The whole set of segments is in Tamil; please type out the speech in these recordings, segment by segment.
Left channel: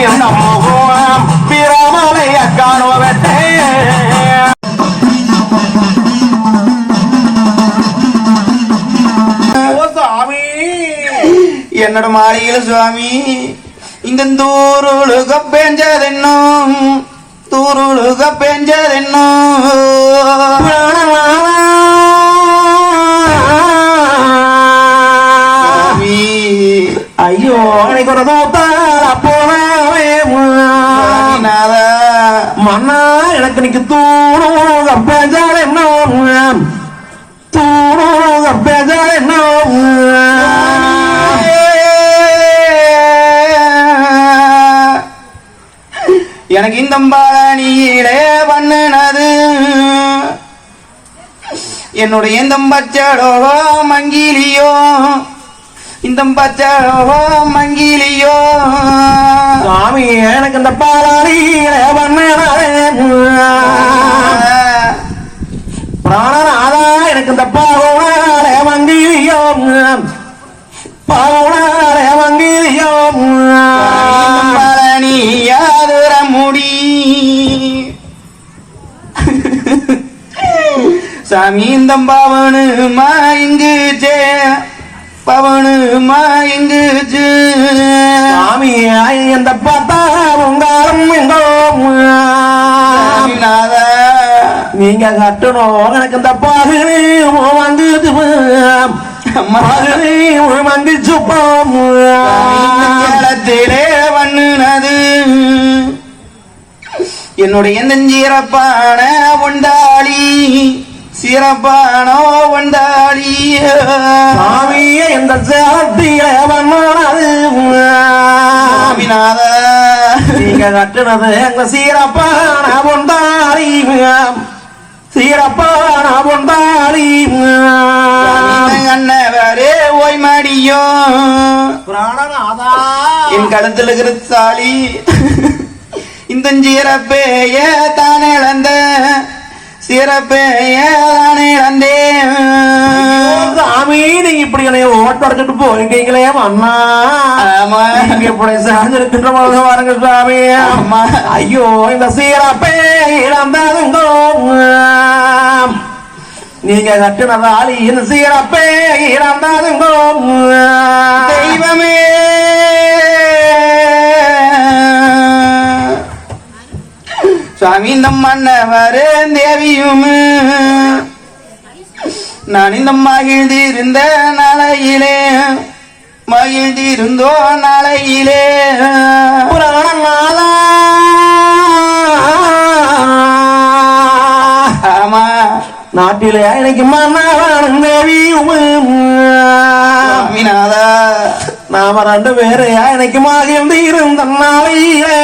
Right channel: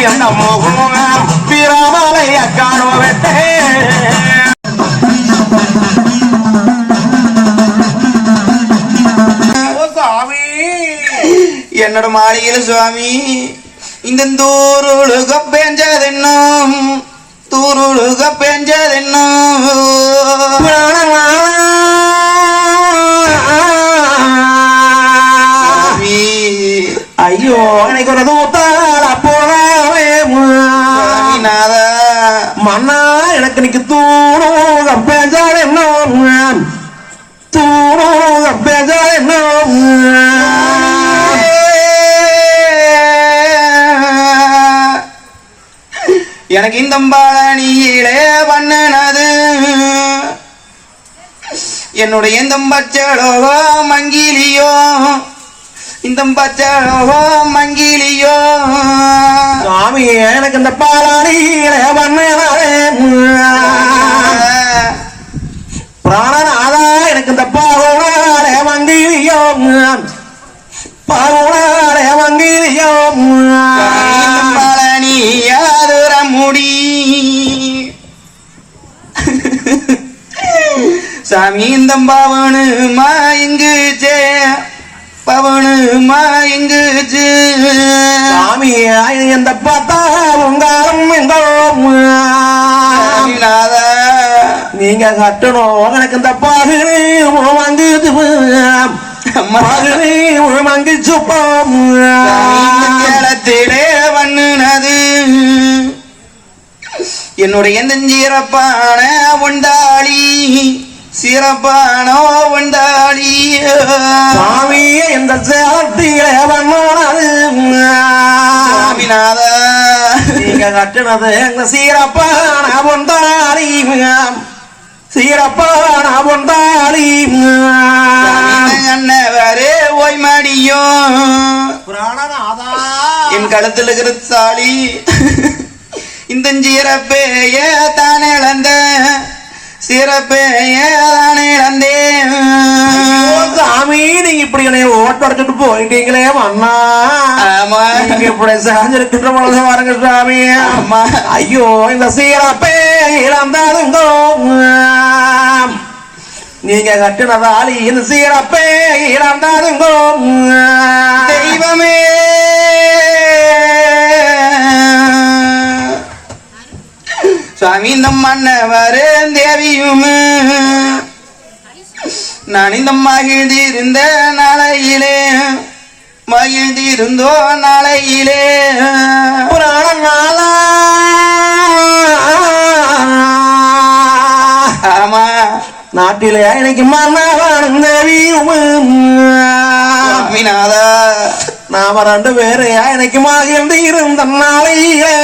எண்ணம் பிரமலைய காணுவத்தே என்னோட மாளிகையில சுவாமி இந்த தூருழுக பெஞ்சதென்னும் தூருழுக பெஞ்சதென்னும். எனக்கு இன்னைக்கு தூணு பேசாத என்ன தூணு என்ன எனக்கு இந்த பாணியிலே பண்ணனது என்னுடைய இந்த பச்சடோ மங்கிலியோ இந்த பச்சடோ மங்கிலியோ சாமி எனக்கு இந்த பாராளியில பிராணநாதா சாமி இந்த பவனு மாயங்குச்சே பவனு மாயங்குச்சு சாமி எந்த பார்த்தா உங்காரம் நீங்க கட்டணும் எனக்கு இந்த அம்மா. பாகனே வாங்கி சுப்பம் ஞானத்திலே பண்ணுனது என்னுடைய நெஞ்சீரப்பான வந்தாளி சிறப்பானோ வந்தாளி. சாமி இந்த சாட்டியில வந்தானது சாமிநாதா. நீங்க கட்டுனது எங்க சீரப்பான கொண்டாடி சீரப்பான கொண்டாடி அண்ணவரே ஓய் மடியும் பிராணநாதா. என் கழுத்துல இருக்கிற சாளி இந்த சிறப்பேய தானே இழந்த இழந்தேன் சாமி நீங்க இப்படி என்னை ஓட்ட எடுத்துட்டு போயிட்டீங்களே ஆமா. நீங்க இப்படி சாஞ்சிருக்கின்ற பொழுது பாருங்க சாமி ஆமா. ஐயோ இந்த சீரப்பே இழந்தாருங்கோ நீங்க கட்டினதாலி இந்த சீரப்பே இழந்தாருங்கோ இந்த மன்னவரே தேவியும். நான் இந்த மகிழ்ந்திருந்த நாளையிலே மகிழ்ந்திருந்தோ நாளையிலே. ஆமா நாட்டிலே எனக்கு மன்னவன் தேவியும். நாம ரெண்டு பேரையா எனக்கு மகிழ்ந்து இருந்த நாளையிலே.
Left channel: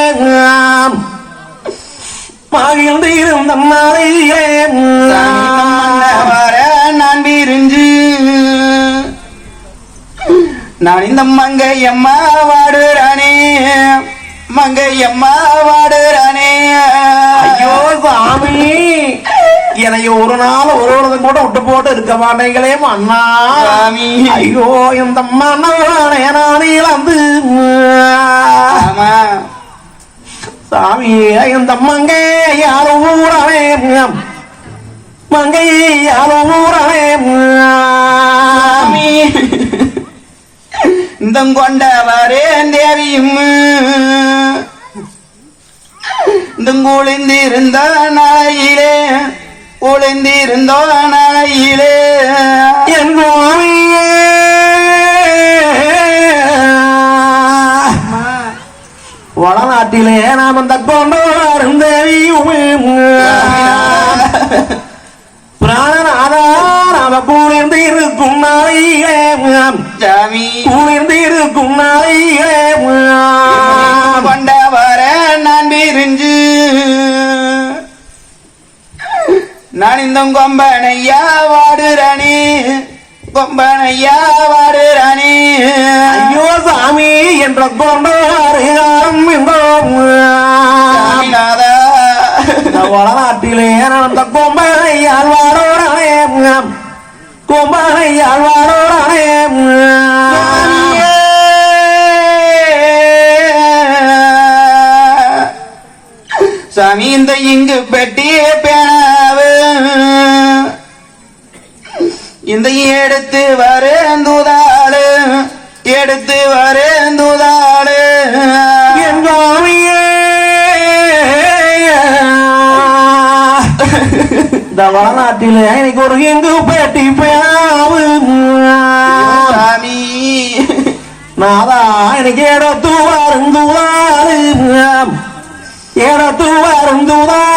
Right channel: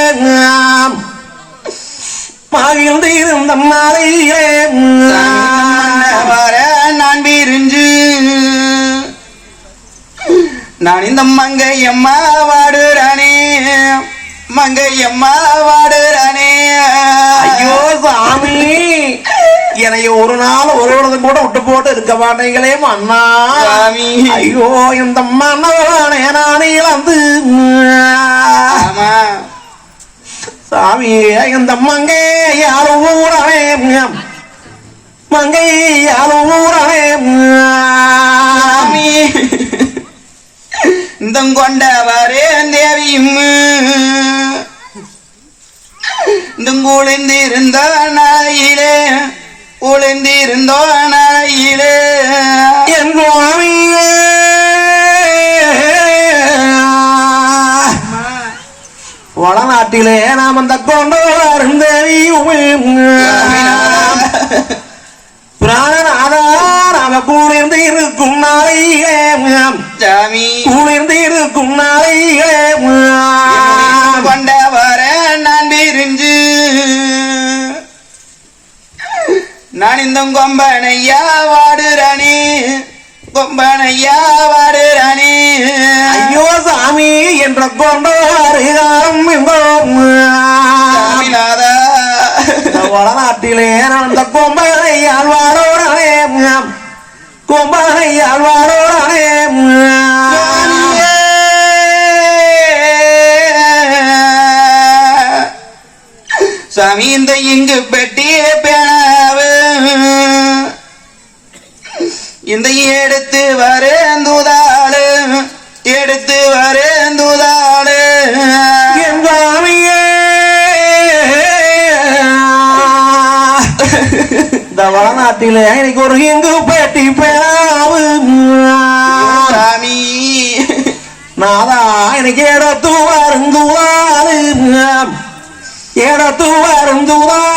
வாடுறானே மங்கையம்மா வாடுறானே ஐயோ சாமி. என்னை ஒரு நாள் ஒரு ஒருத்தன் கூட விட்டு போட்டு இருக்க மாட்டீங்களே சாமி. ஐயோ இந்த மன்னவனே நான் ஆமா. சாமி இந்த மங்கை யாரும் ஊரவே மங்கை யாரும் ஊரவே இந்த கொண்டவரே தேவியும். இந்த குளிர்ந்திருந்த நாயிலே குளிர்ந்திருந்தோ நாயிலே என் வளநாட்டிலே நாம் அந்த கொண்டோ இந்த கொம்பனையா வாடுறானே. கொம்பனையா வாடுறானே. ஐயோ சாமி என்ற கொண்டாரு சாமிநாதா. வளநாட்டிலே நடந்த கொம்பனை ஆழ்வாரோடனே. கொம்பனை ஆழ்வாரோடனே. சாமி இந்த இங்கு பெட்டிய இந்த எடுத்து வரேந்துதாடு எடுத்து வரேந்துதாடு இந்த வடநாட்டில எனக்கு ஒரு எங்கு பேட்டி பேராவு நாதா எனக்கு எடுத்து வருந்துவாரு. எடுத்து வருந்துவாரு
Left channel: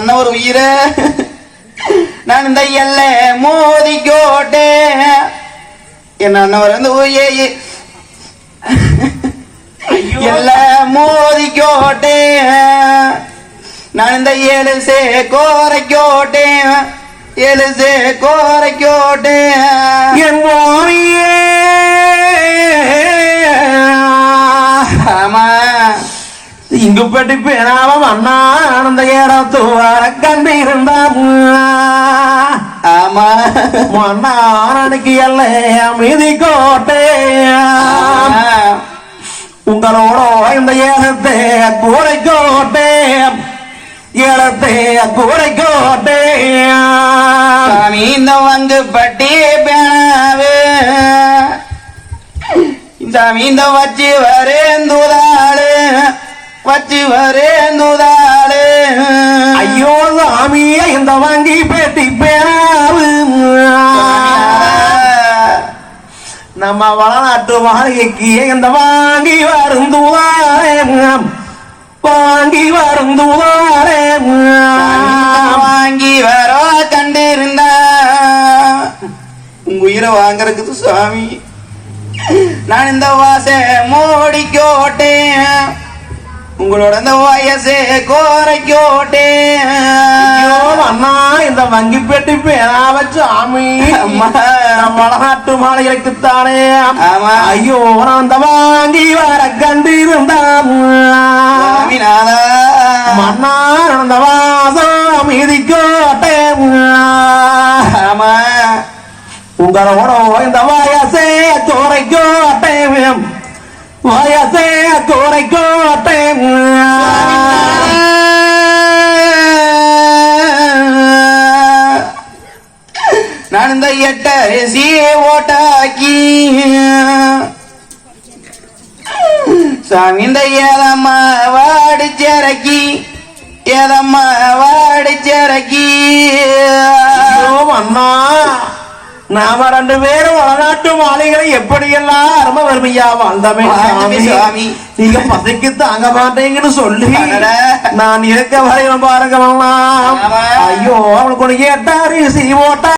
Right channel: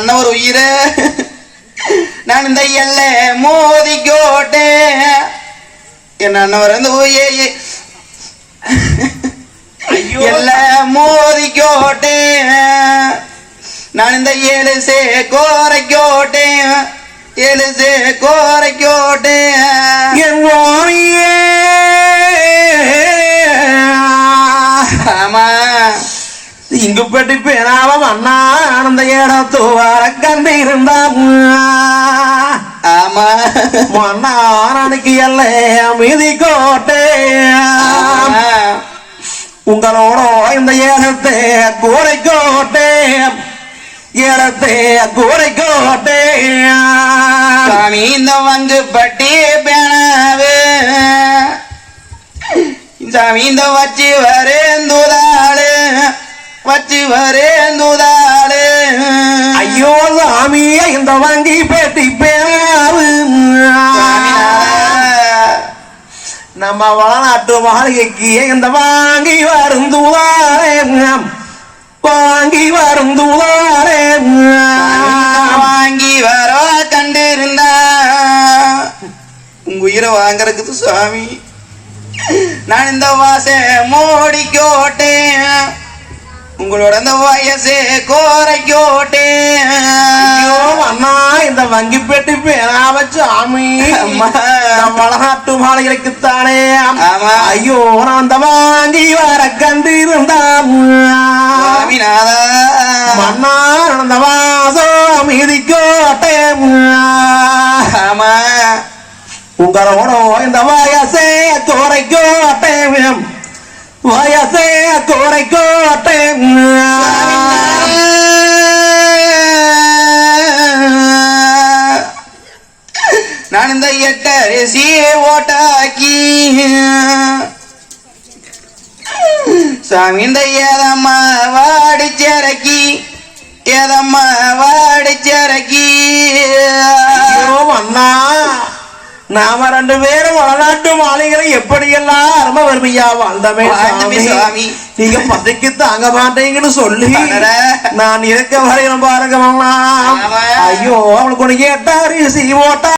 அண்ணன் ஒரு உயிரை நான் இந்த எல்ல மோதி கோட்டேன் என் அண்ணன் ஒரு அந்த உயிரை ஐயோ. எல்லாம் மோதி கோட்டேன் நான் இந்த ஏழு சே கோரை கோட்டேன் ஏழு சே கோரை கோட்டேன் என் மாமியே ஆமா. இங்கு பெட்டி மன்னாரனுக்கு எல்லை அமைதி கோட்டை. உங்களோட இந்த ஏகத்தை கூரை கோட்டை. ஏலத்தை கூரை கோட்டை. இந்த வந்து பட்டி பேனாவு. இந்த வச்சு வரேந்துதாளு. வச்சு வரேந்துதாளு. ஐயோ சாமி இந்த வாங்கி பேட்டி மாளிகைக்கு இந்த வாங்கி வருந்துவாரே வாங்கி வருந்துவாரே வாங்கி வரோ கண்டிருந்தா. உங்க உயிரை வாங்கறதுக்கு சுவாமி நான் இந்த வாச மூடிக்கோட்டேன் உங்களோட இந்த வயசே கோரைக்கோட்டேன் அண்ணா இந்த வங்கி பெட்டி பேராவ சாமி. நம்ம ஆமா. ஐயோ நான் அந்த வாங்கி வர கண்டிருந்தான் சுவாமிநாதா மன்னா நடந்த வாசம் மீதிக்கோட்டை ஆமா. உங்களோட இந்த வயசே குறைக்கோட்டை வயசே குறைக்கோட்டை நான் இந்த ஓட்டாக்கி சாமி ஏதம்மா வாடிச்சிறக்கி ஐயோ அண்ணா நாம ரெண்டு பேரும் வடநாட்டு மாளிகளை எப்படியெல்லாம் அரும வறுமையா வாழ்ந்தமே சாமி. சாமி. நீங்க பசிக்கு தாங்க மாட்டீங்கன்னு சொல்லி. நான் இருக்க வரையிலும் பாருங்க. ஐயோ அவங்களுக்கு ஒரு எட்டாரி சி ஓட்டா